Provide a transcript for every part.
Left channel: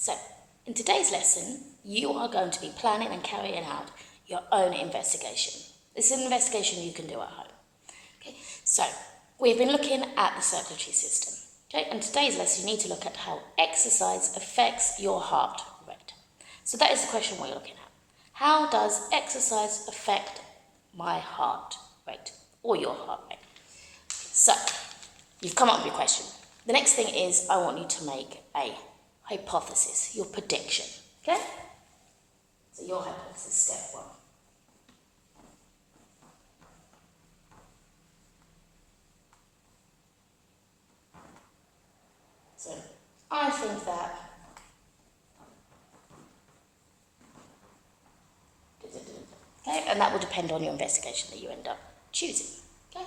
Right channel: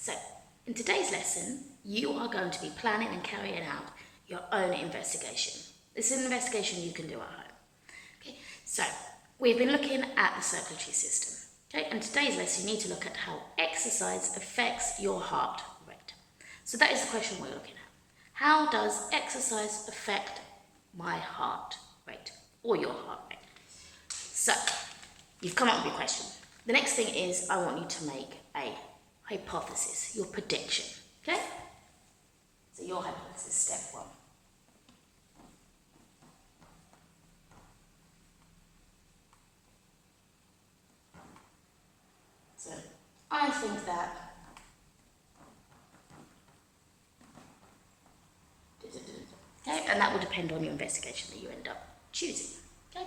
So, in today's lesson, you are going to be planning and carrying out your own investigation. This is an investigation you can do at home. Okay, so we've been looking at the circulatory system. Okay, and today's lesson you need to look at how exercise affects your heart rate. So that is the question we're looking at. How does exercise affect my heart rate or your heart rate? So you've come up with your question. The next thing is I want you to make a hypothesis, your prediction. Okay? So your hypothesis, step one. So I think that okay, and that will depend on your investigation that you end up choosing. Okay?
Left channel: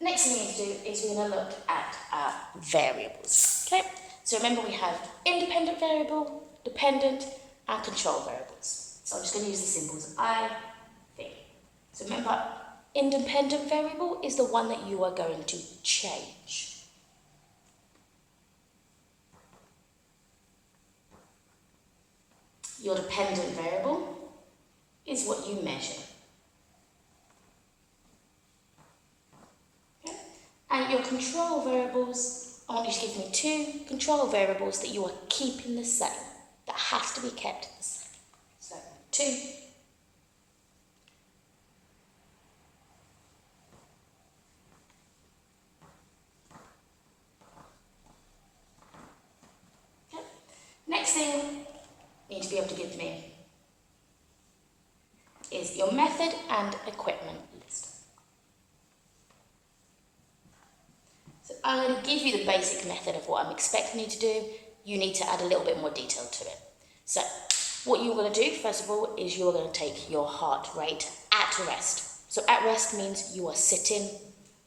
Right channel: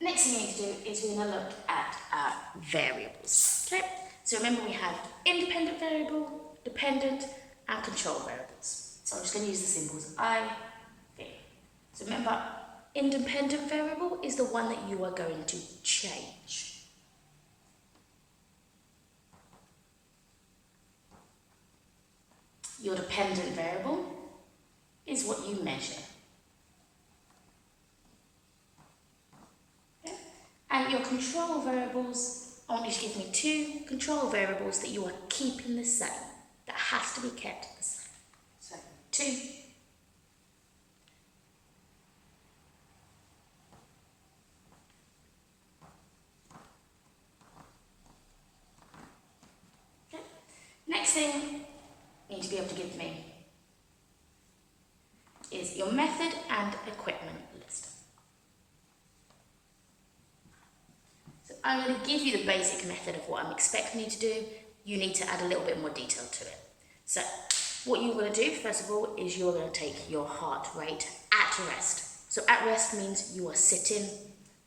Next thing you need to do is we're going to look at our variables. Okay? So remember we have independent variable, dependent, and control variables. So I'm just going to use the symbols I, V. So remember, independent variable is the one that you are going to change. Your dependent variable is what you measure. Okay? And your control variables, I want you to give me two control variables that you are keeping the same, that has to be kept the same. So, 2. Okay. Next thing you need to be able to give me is your method and equipment list. So I'm going to give you the basic method of what I'm expecting you to do. You need to add a little bit more detail to it. So what you're going to do, first of all, is you're going to take your heart rate at rest. So at rest means you are sitting,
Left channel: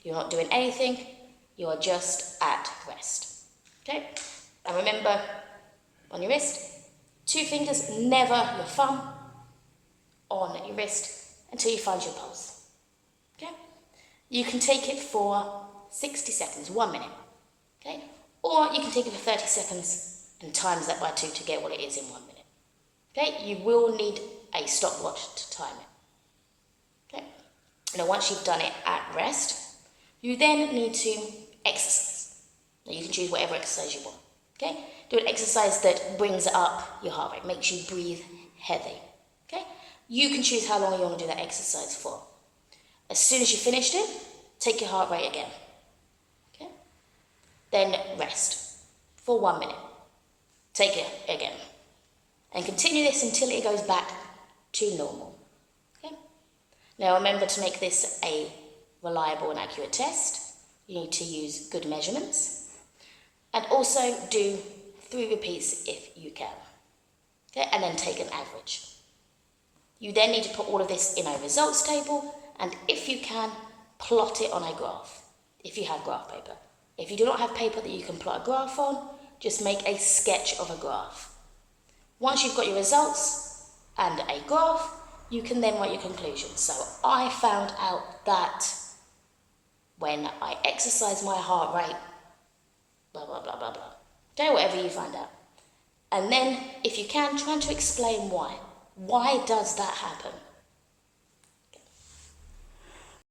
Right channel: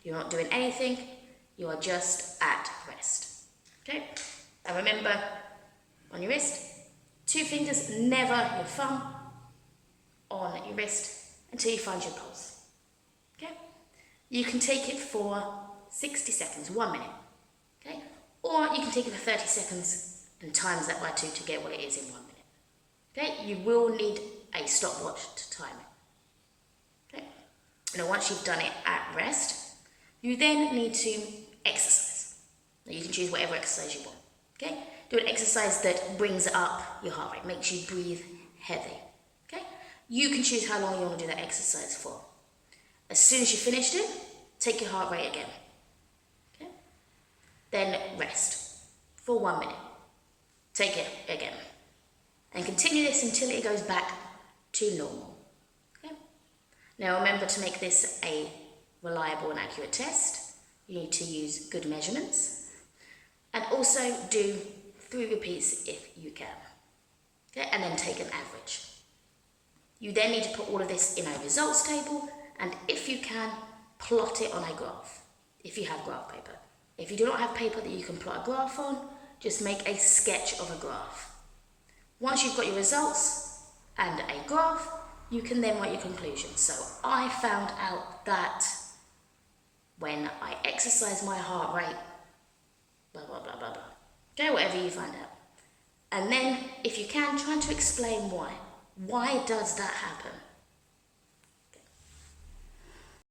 you're not doing anything, you are just at rest. Okay? And remember, on your wrist, 2 fingers, never your thumb, on your wrist until you find your pulse. Okay? You can take it for 60 seconds, 1 minute. Okay? Or you can take it for 30 seconds and times that by 2 to get what it is in 1 minute. Okay? You will need a stopwatch to time it. Okay? Now once you've done it at rest, you then need to exercise. Now you can choose whatever exercise you want. Okay? Do an exercise that brings up your heart rate, makes you breathe heavy. Okay? You can choose how long you want to do that exercise for. As soon as you finished it, take your heart rate again. Okay? Then rest for 1 minute. Take it again. And continue this until it goes back to normal. Okay? Now remember, to make this a reliable and accurate test, you need to use good measurements. And also do 3 repeats if you can. Okay? And then take an average. You then need to put all of this in a results table, and if you can, plot it on a graph, if you have graph paper. If you do not have paper that you can plot a graph on, just make a sketch of a graph. Once you've got your results and a graph, you can then write your conclusions. So I found out that when I exercise my heart rate, blah, blah, blah, blah, blah. Okay, whatever you find out. And then, if you can, try to explain why. Why does that happen?